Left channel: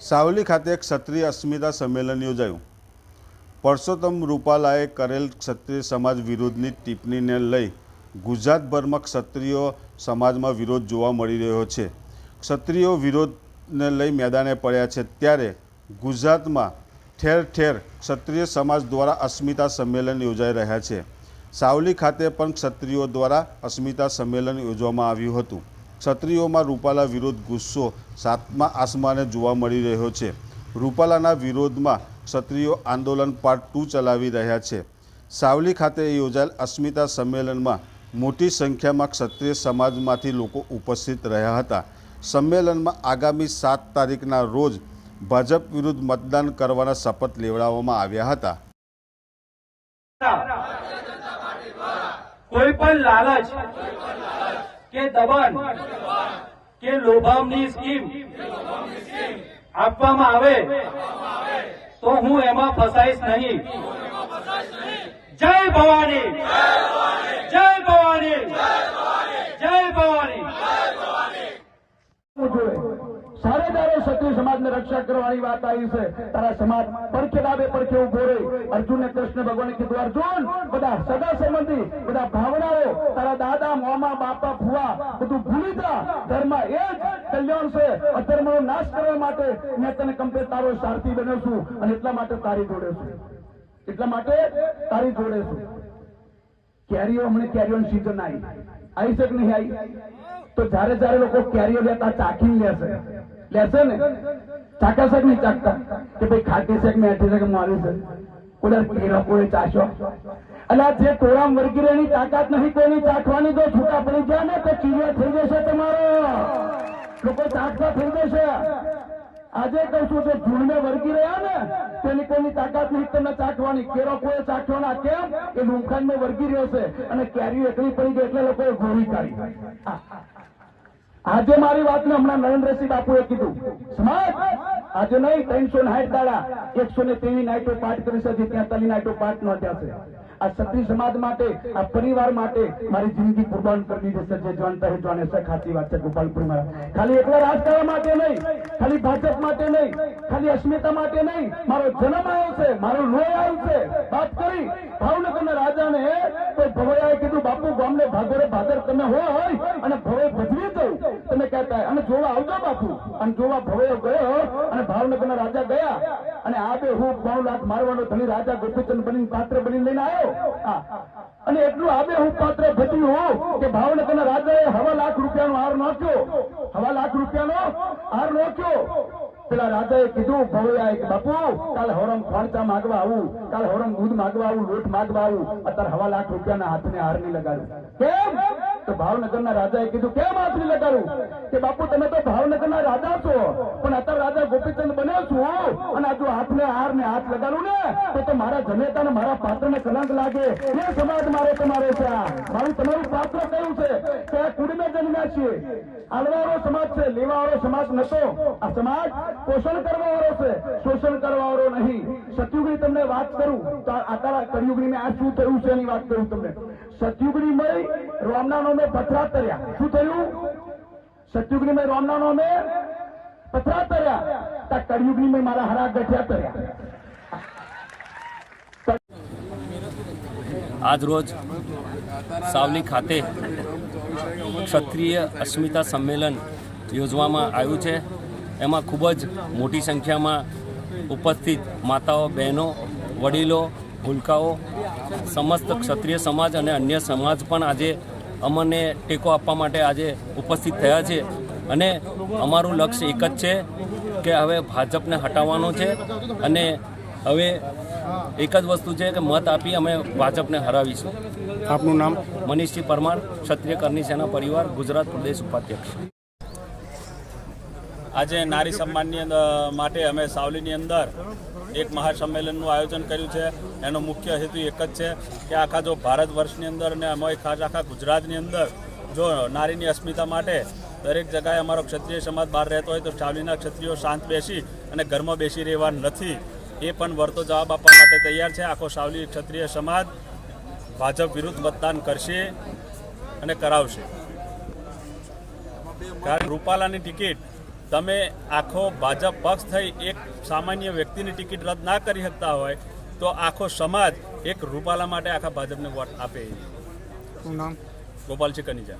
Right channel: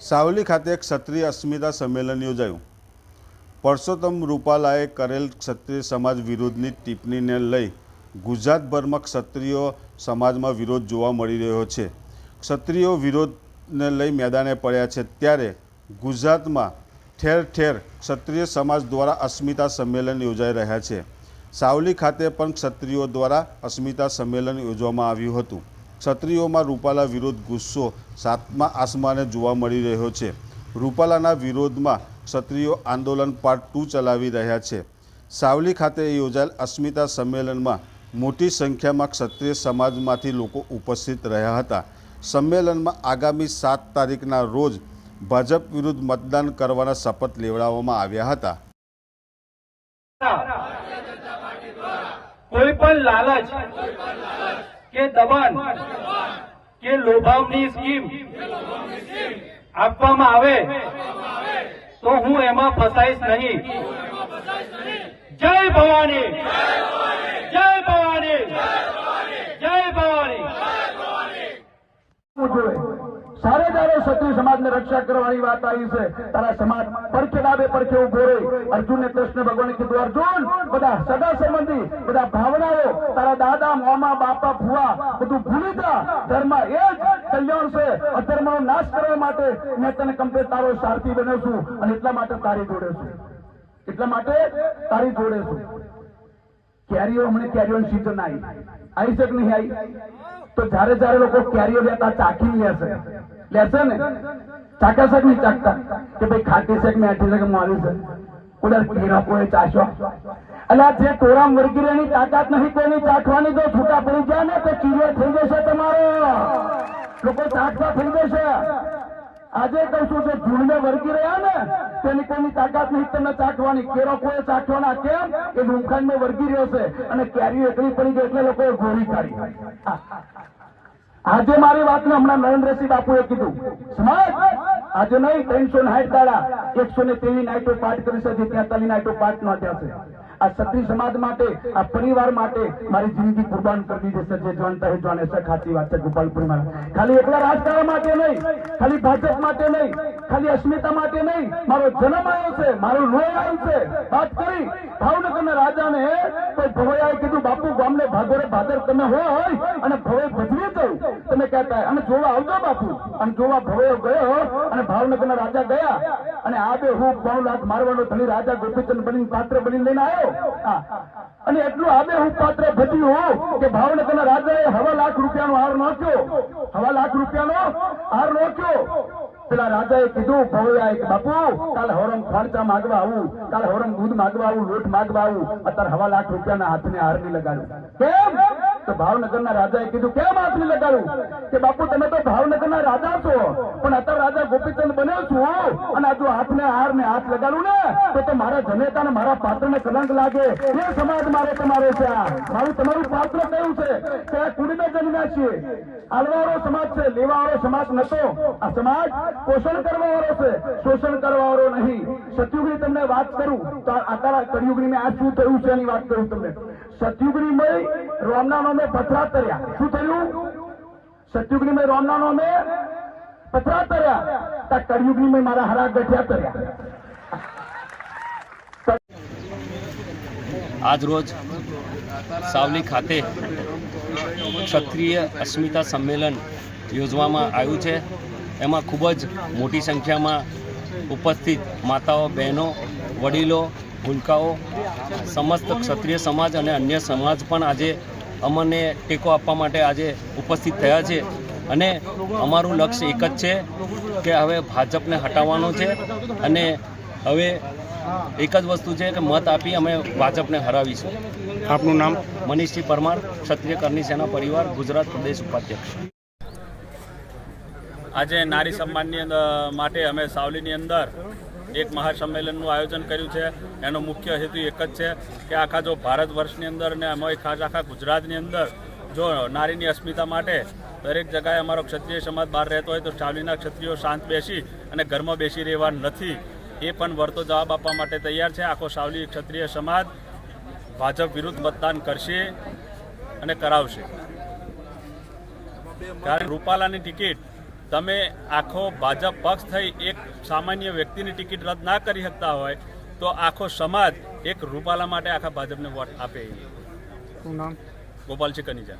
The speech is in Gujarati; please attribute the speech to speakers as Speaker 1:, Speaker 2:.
Speaker 1: સાવલી ખાતે ક્ષત્રિય અસ્મિતા સંમેલન યોજાયું. પરસોત્તમ રૂપાલાએ કરેલ ક્ષત્રિય સમાજ વિરોધની ટિપ્પણીને લઈ ગુજરાતભરમાં ક્ષત્રિયો સમાજમાં વિરોધ જોવા મળી રહ્યો છે. ક્ષત્રિયો વિરોધને લઈ મેદાને પડ્યા છે ત્યારે ગુજરાતમાં ઠેર ઠેર ક્ષત્રિય સમાજ દ્વારા અસ્મિતા સંમેલન યોજાઈ રહ્યા છે. સાવલી ખાતે પણ ક્ષત્રિયો દ્વારા અસ્મિતા સંમેલન યોજવામાં આવ્યું હતું. ક્ષત્રિયોમાં રૂપાલા વિરોધ ગુસ્સો સાતમા આસમાને જોવા મળી રહ્યો છે. રૂપાલાના વિરોધમાં ક્ષત્રિયો આંદોલન પાર્ટ ટુ ચલાવી રહ્યા છે. સાવલી ખાતે યોજાયેલ અસ્મિતા સંમેલનમાં મોટી સંખ્યામાં ક્ષત્રિય સમાજમાંથી લોકો ઉપસ્થિત રહ્યા હતા. સંમેલનમાં આગામી સાત તારીખના રોજ ભાજપ વિરુદ્ધ મતદાન કરવાના શપથ લેવડાવવામાં આવ્યા હતા.
Speaker 2: કોઈ પણ લાલચ કે દબાણ? કે લોભામની સ્કીમ? આપવામાં આવે? તો હું એમાં ફસાઈશ નહીં. જય ભવાની! જય ભવાની! જય ભવાની!
Speaker 3: સારે તારે ક્ષત્રિય સમાજને રક્ષા કરવાની વાત આવી છે. તારા સમાજ પરખે ડાબે પરખે ઊભો રહી. અર્જુને કૃષ્ણ ભગવાને કીધું, અર્જુન, બધા સગા સંબંધી, બધા ભાવનાઓ તારા દાદા મામા બાપા ફુવા બધું ભૂલી જા ધર્મ એ જ કલ્યાણ છે. અધર્મનો નાશ કરવા માટે મેં તને કમ્પ્લેટ તારો સારથી બન્યો છું અને એટલા માટે તારી જોડે છું. એટલા માટે તારી જોડે છું. કેરીઓ હમણાં કેરીઓની સીઝન આવી. આવી છે કે નહીં આવી? તો જ્યારે જ્યારે લોકો કેરીઓ લેતા ચાખીને લેશે લેશે ને? ચાકે છે કે નહીં ચાકતા કે ભાઈ ખાટી છે કે મેઠી છે કે મારી છે. કોઈ કેરા કોઈ ચાશો આ જે તોરામ વર્ગી એની તાકાત નથી કોઈની ચાખવાની જો છૂટા પડી ગયા ને, તો ચીડિયો થઈ જશે તમારો. લોકો ચાખવા થઈ જશે. આજે કહું છું જે ભૂલને વર્ગી રહ્યા ને, તેની કોઈની તાકાત નહીં, તમને ચાખવાની. કેરો કોઈ ચાખવાના? કેમ? એ રૂમખાંડ વર્ગી રહ્યો છે અને કેરીઓ એકલી પડી ગઈ એટલે લોકોએ ગોળી કાઢી આજે મારી વાતને હમણાં નરેન્દ્રસિંહ બાપુએ કીધું. સમાજ આજે નહીં, ત્રણસો સાઠ દાડા, એકસો ને તેવી નાઇટો પાઠ કરી છે ત્યાં તલી નાઇટો પાઠ નોંધ્યા છે. આ ક્ષત્રિય સમાજ માટે, આ પરિવાર માટે મારી જિંદગી કુરબાન કરી દીધી જે જાણતા હે જાણે ખાતી વાત છે ગોપાલપુરમાં ખાલી એકલા રાજકારણ માટે નહીં, ખાલી ભાજપ માટે નહીં, ખાલી અસ્મિતા માટે નહીં. મારો જન્મ આવ્યો છે, મારો લોહી આવ્યું છે. વાત કરી, ભાવનગરના રાજાને કોઈ ભવૈયાએ કીધું, બાપુ, ગામને ભાગોરે ભાદર તમે હોય અને ભવે ભજવી જવું તમે કહેતા અને જોવા આવતો બાપુ. અને જોવા ભવે ગયો અને ભાવનગરના રાજા ગયા. અને આ બે હું પાઉં લાખ મારવાનો ધણી રાજા ગોપીચંદ બની પાત્ર બની લઈને આવ્યો. અને એટલું આબે હું પાત્ર ભજ્યું કે ભાવનગરના રાજાએ હવા લાખ રૂપિયાનો હાર નોખ્યો. હવા લાખ રૂપિયાનો હાર નોખ્યો. પેલા રાજાએ કીધું ભવૈયાએ એક બાપુ, કાલે હવરમ ખર્ચા માગવા આવું. કાલે હવરમ દૂધ માગવા આવું, લોટ માગવા આવું. અત્યારે હવા લાખ રૂપિયાના હાથને હાર નહીં લગાડું. કેમ? તો ભાવનગરના રાજાએ કીધું, કેમ હાથ લગાડું કે બાપુ, તમે તો ભાવનગરના રાજા છો, પણ અત્યારે રાજા ગોપીચંદ બન્યો છું અને આ જો હાથને હાર ને હાથ લગાડું ને, તો તો મારા જનેતા ને મારા પાત્રને કલંક લાગે. એ સમાજ મારે તમારો છે આ. મારું તમારું પાત્ર કયું છે? કે આ કુડીને જન્મ્યા છીએ આલવાળો સમાજ છે, લેવાવાળો સમાજ નતો. આ સમાજ પોષણ કરવા વાળો છે. શોષણ કરવા વાળો નહીં. સતયુગની તમને વાત કરું, તો અત્યારે કળિયુગની મેં આ શું થયું છે એની વાત કરું તમને. સતયુગની મય રોમના નામે પથરા તર્યા. શું થયું? સતયુગની મય રોમના નામે પથરા તર્યા. તા કળિયુગની મય મારા હરા ગઠિયા તર્યા.
Speaker 4: આજરોજ સાવલી ખાતે ક્ષત્રિય અસ્મિતા સંમેલન યોજવામાં આવ્યું છે. એમાં ખૂબ જ મોટી સંખ્યામાં ઉપસ્થિત માતાઓ, બહેનો, વડીલો ભૂલકાઓ સમસ્ત ક્ષત્રિય સમાજ અને અન્ય સમાજ પણ આજે અમને ટેકો આપવા માટે આજે ઉપસ્થિત થયા છે. અને અમારું લક્ષ્ય એક જ છે કે હવે ભાજપને હટાવવાનો છે અને હવે એક જ વસ્તુ છે કે મત આપી અમે ભાજપને હરાવીશું.
Speaker 5: આપનું નામ?
Speaker 4: મનીષજી પરમાર ક્ષત્રિય કરની સેના પરિવાર ગુજરાત પ્રદેશ ઉપાધ્યક્ષ.
Speaker 6: આજે નારી સન્માનની અંદર માટે અમે સાવલીની અંદર એક મહાસંમેલનનું આયોજન કર્યું છે. એનો મુખ્ય હેતુ એક જ છે કે આખા જો ભારત વર્ષની અંદર અને અમે ખાસ આખા ગુજરાતની અંદર જો નારીની અસ્મિતા માટે દરેક જગાએ અમારો ક્ષત્રિય સમાજ બહાર રહેતો હોય તો સાવલીના ક્ષત્રિયો શાંત બેસી અને ઘરમાં બેસી રહેવા નથી. એ પણ વળતો જવાબ આપવા માટે તૈયાર છે. આખો સાવલી ક્ષત્રિય સમાજ ભાજપ વિરુદ્ધ મતદાન કરશે અને કરાવશે. કારણ રૂપાલાની ટિકિટ તમે આખો ભાજપ પક્ષ થઈ એક સામાન્ય વ્યક્તિની ટિકિટ રદ ના કરી શકતા હોય તો આખો સમાજ એક રૂપાલા માટે આખા ભાજપને વોટ આપે.
Speaker 5: શું નામ?
Speaker 6: ગોપાલજી કનીજા.